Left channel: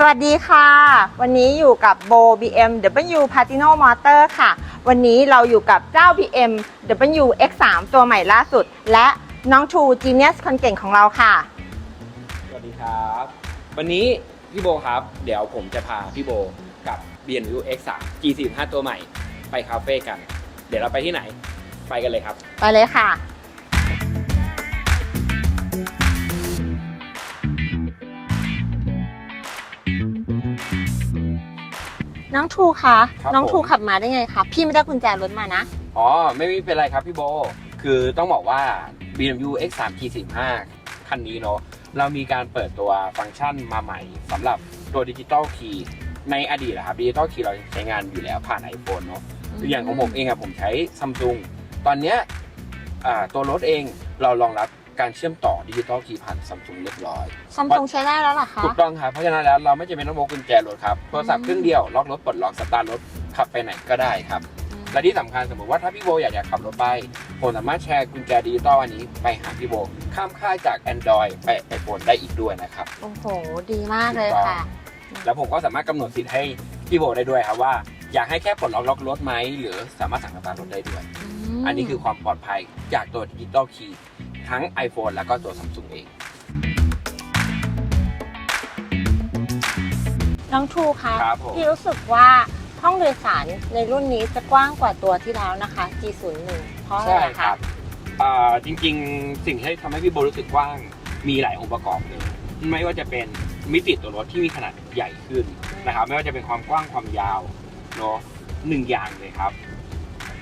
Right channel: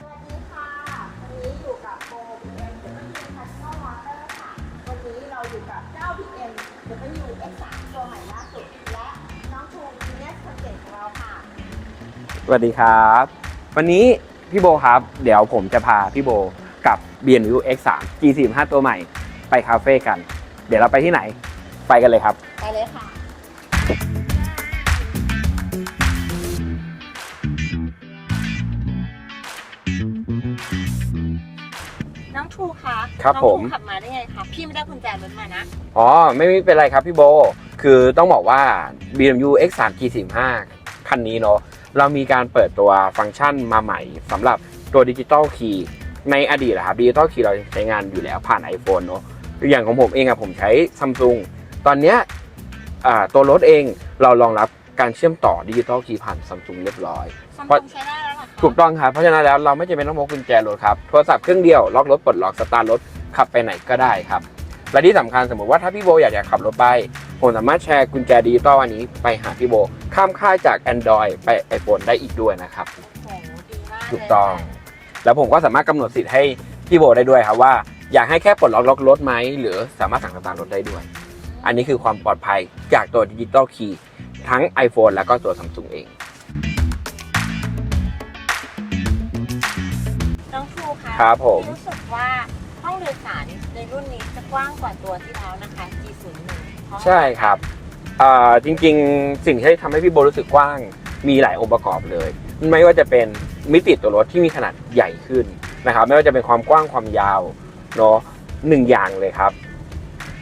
สวัสดีค่ะ วันนี้อยู่กับโบ BMW Patino Motor ค่ะ วันนี้เราอยู่กับเจ้า BMW X3 ตัวใหม่ล่าสุด และน้องชู Genius คนเก่งของเราค่ะ สวัสดีครับ วันนี้พี่โบครับ เดี๋ยวผมจะพาพี่โบกับ BMW X3 G45 ตัวใหม่ไปคาเฟ่กัน เดี๋ยวเราไปที่ไหน ไปกันเลยครับ ไปเลยค่ะ น้องชูคะครับน้องชูผม ขับมาได้ไงคะพี่ไม่ได้กุญแจรถมานะอ๋อไม่ไม่เป็นไรครับพี่โบ คือต้องบอกว่า BMW X3 G45 คันนี้เนาะเรามีการเปิดตัวฟังก์ชันมาใหม่สำหรับตัวดิจิตอลคีย์ในอดีตนะครับดิจิตอลคีย์เราใช้งานอยู่แล้วผ่าน iPhone เนาะอย่างของผมเองอะผมใช้ซัมซุงตอนเนี้ยอ่าตัวรถเองเรารองรับ การเชื่อมต่อดิจิตอลคีย์ผ่านซัมซุงเรียบร้อย ซัมซุงใช้ได้แล้วเหรอคะ ถูกต้องครับ เพราะฉะนั้นแล้วเราไม่จำเป็นต้องพกกุญแจรถครับ โทรศัพท์เครื่องเดียวล็อกรถปลดล็อกสตาร์ทรถขับไปไหนก็ได้ครับ และที่สำคัญสมมติว่าถ้าพี่โบอยากจะขับรถไปผมสามารถแชร์กุญแจดิจิตอลอันนี้ไปหาพี่โบ ข้ามค่ายจาก Android ไป iPhone ได้อีกด้วยนะครับ โอ้โห ดีมากเลยถูกต้องค่ะ แล้วผมก็สามารถกำหนดสิทธิ์ให้พี่โบได้ด้วยครับว่า อยากให้แค่ปลดล็อกล็อกรถไหมหรือสามารถสั่งสตาร์ทรถได้ด้วยมอันนี้คือความปลอดภัยจากตัวดิจิตอลคีย์ ทั้ง iPhone แล้วก็ตัว Samsung เอง น้องชูคะครับผม พี่รู้สึกว่าห้องโดยสารในรุ่นนี้จะกว้างกว่าตัวที่แล้วนะคะ G01 เพราะอะไใช่ครับอ่าจริงๆ สิ่งที่ทำให้พี่โบรู้สึกกว้างมีหลายองค์ประกอบเลย ไม่ว่าจะเป็นมิติตัวรถที่มีขนาดใหญ่ขึ้นนะครับ ไม่ว่าจะเป็นความกว้างความยาวเนาะหนึ่งอย่างเลยครับ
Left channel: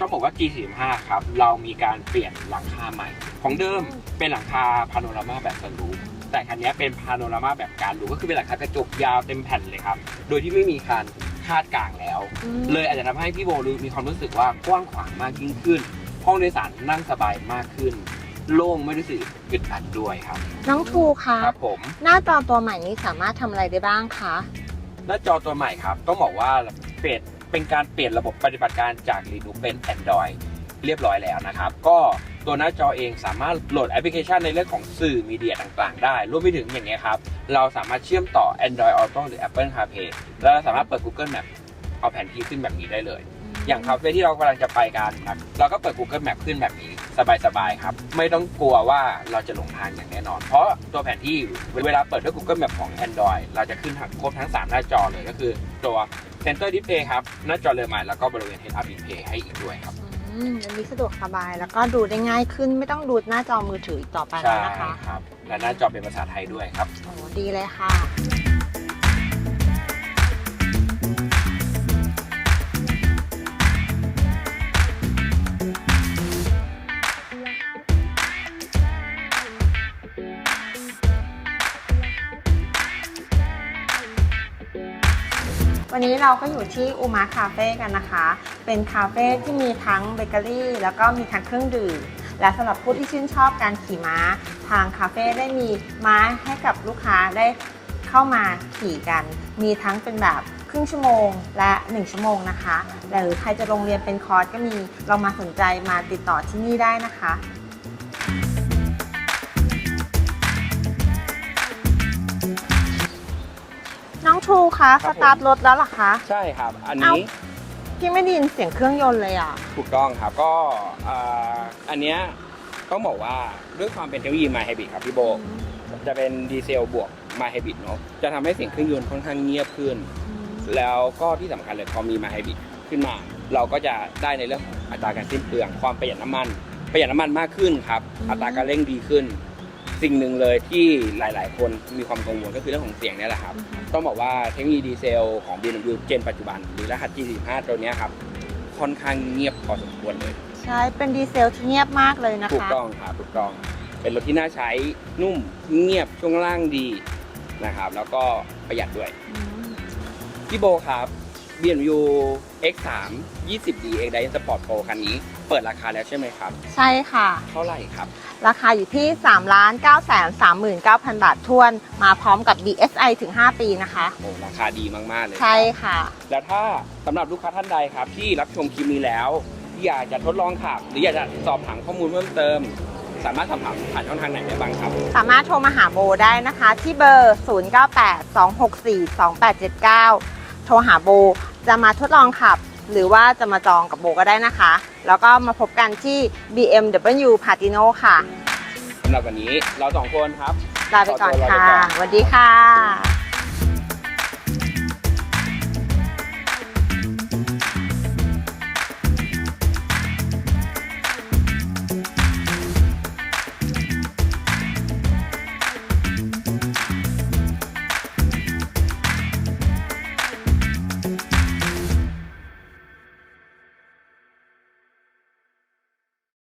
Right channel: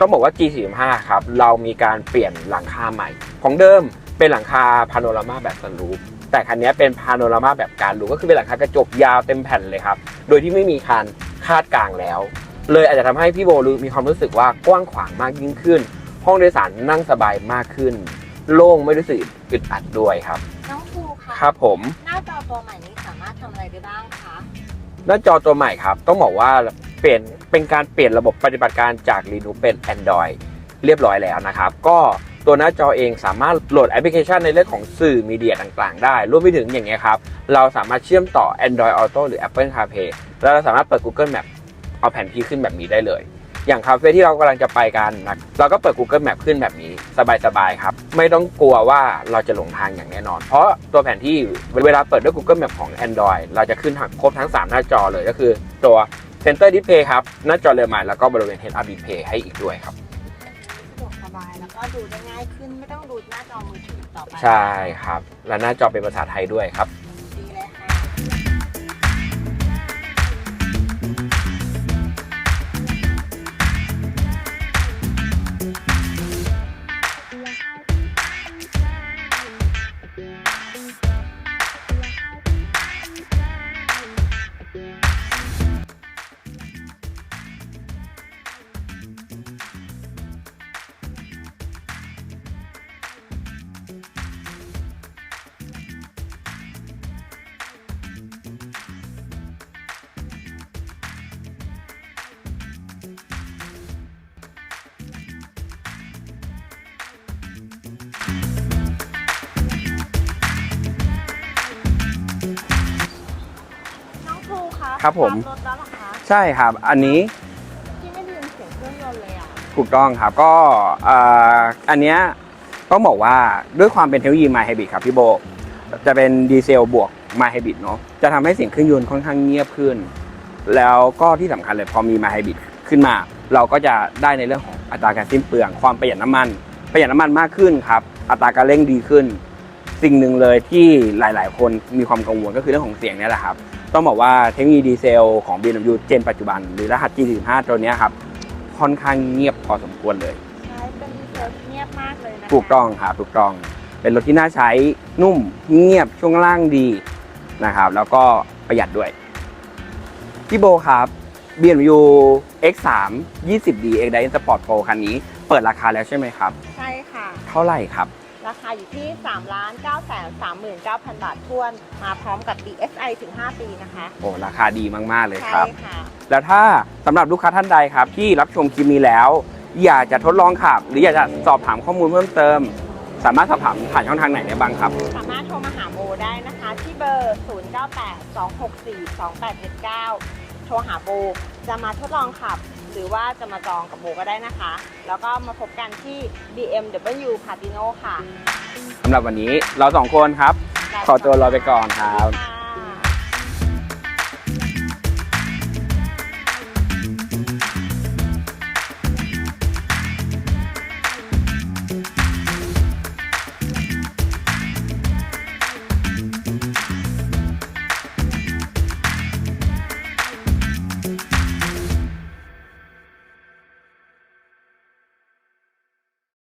ต้องบอกว่า G45 ครับ เรามีการเปลี่ยนหลังคาใหม่ ของเดิมเป็นหลังคาพาโนรามาแบบสันรูฟแต่คันนี้เป็นพาโนรามาแบบการรูฟก็คือเป็นหลังคากระจกยาวเต็มแผ่นเลยครับ โดยที่ไม่มีคานคาดกลางแล้วอืมเลยอาจจะทำให้พี่โบรู้มีความรู้สึกว่ากว้างขวางมากยิ่งขึ้น ห้องโดยสารนั่งสบายมากขึ้น โล่งไม่รู้สึกอึดอัดด้วยครับ น้องชูคะครับผม หน้าจอตัวใหม่นี้สามารถทำอะไรได้บ้างคะหน้าจอตัวใหม่ครับ ต้องบอกว่าเปลี่ยน เป็นการเปลี่ยนระบบปฏิบัติการจาก Linux เป็น Android เรียบร้อยแล้วนะครับ ก็ตัวหน้าจอเองสามารถโหลดแอปพลิเคชันในเรื่องของสื่อมีเดียต่างๆ ได้ รวมไปถึงอย่างเงี้ยครับ เราสามารถเชื่อมต่อ Android Auto หรือ Apple CarPlay แล้วเราสามารถเปิด Google Map เอาแผนที่ขึ้นแบบนี้ได้เลย อย่างคาเฟ่ที่เรากำลังจะไปกันนะเราก็เปิด Google Map ขึ้นแบบนี้ สบายๆครับ ไม่ต้องกลัวว่าเราจะหลงทางอย่างแน่นอน เพราะตัวแผนที่เวลาเปิดด้วย Google Map ของ Android เราจะขึ้นทั้งครบทั้ง 3 หน้าจอเลยก็คือตัว Center Display ครับหน้าจอเรือใหม่แล้วก็บริเวณ Head Up Display ให้อีกด้วยครับอืมอันนี้สะดวกสบายแล้วก็ดูได้ง่ายขึ้นไม่ต้องดูหน้าจอมือถืออีกต่อไปใช่นะคะครับ และหน้าจอเป็นภาษาไทยด้วยครับ โอ้ดีเลยค่ะ วันนี้เราก็อยู่ที่อูมาคาเฟ่กันนะคะ เป็นคาเฟ่ที่มีทั้งเบเกอรี่แล้วก็มีทั้งเครื่องดื่ม และสำหรับผู้ที่ชื่นชอบการขี่ม้า ทางคาเฟ่ได้มีม้าให้กับลูกค้าได้เข้ามาขี่กัน มีทั้งเป็นแบบครึ่งชั่วโมงและ 1 ชั่วโมงนะคะหรือใครจะลงเรียนเป็นคอร์สก็มี เรามาสนใจมาติดต่อที่นี่ได้นะคะ คะครับสผมตาร์ทรถแล้วเหรอคะ ใช่ครับ อันนี้พี่ไม่ได้ยินเสียงเครื่องยนต์เลยอะ ถูกต้องครับก็อ่าอันเนี้ยต้องบอกว่าด้วยความเป็นเทคโนโลยี My Hybrid ครับพี่โบ จะเป็นดีเซลบวก My Hybrid เนาะจะทำให้เสียงเครื่องยนต์ค่อนข้างเงียบขึ้น แล้วก็ที่สำคัญเลยพอมี My Hybrid ขึ้นมา เราก็จะได้ในเรื่องของอัตราการสิ้นเปลือง ความประหยัดน้ำมัน ประหยัดน้ำมันมากขึ้นครับ อัตราการเร่งดีขึ้น สิ่งหนึ่งเลยที่หลายๆ คนมีความกังวลก็คือเรื่องของเสียงเนี่ยแหละครับ ต้องบอกว่าเทคโนโลยีดีเซลของ BMW เจนปัจจุบันหรือรหัส G45 ตัวเนี้ยครับ ค่อนข้างเงียบพอสมควรเลย ใช่ เป็นดีเซลที่เงียบมากเลยนะคะ ถูกต้องครับถูกต้อง เป็นรถที่น่าใช้นุ่มเงียบช่วงล่างดีนะครับ แล้วก็ประหยัดด้วยพี่โบครับ BMW X3 20D X Drive Sport Pro คันนี้ เปิดราคาแล้วใช่ไหมครับ ใช่ค่ะ เท่าไหร่ครับ ราคาอยู่ที่ 3 9 3 3 9 0 0 0 บาททวน มาพร้อมกับ DSI ถึง 5 ปีนะคะ โอ้ราคาดีมาก ๆ เลยคใช่รับ ค่ะ แล้วถ้าสำหรับลูกค้าท่านใดครับ ที่รับชมคลิปนี้แล้ว อยากจะทดลองขับ หรืออยากจะสอบถามข้อมูลเพิ่มเติมสสามารถสอบถามผ่านช่องทางไหนได้บ้างครับ สามารถโทรมาหาโบได้นะคะ ที่เบอร์ 0982642879 โทรหาโบ จะมาทดลองขับ หรือว่าจะมาจองกับโบก็ได้นะคะ แล้วก็มาพบกันที่ BMW Patino ค่ะสำหรับวันนี้เราสองคนครับ ลาไปขอตัวลาไปก่อนค่ะสวัสดีค่ะ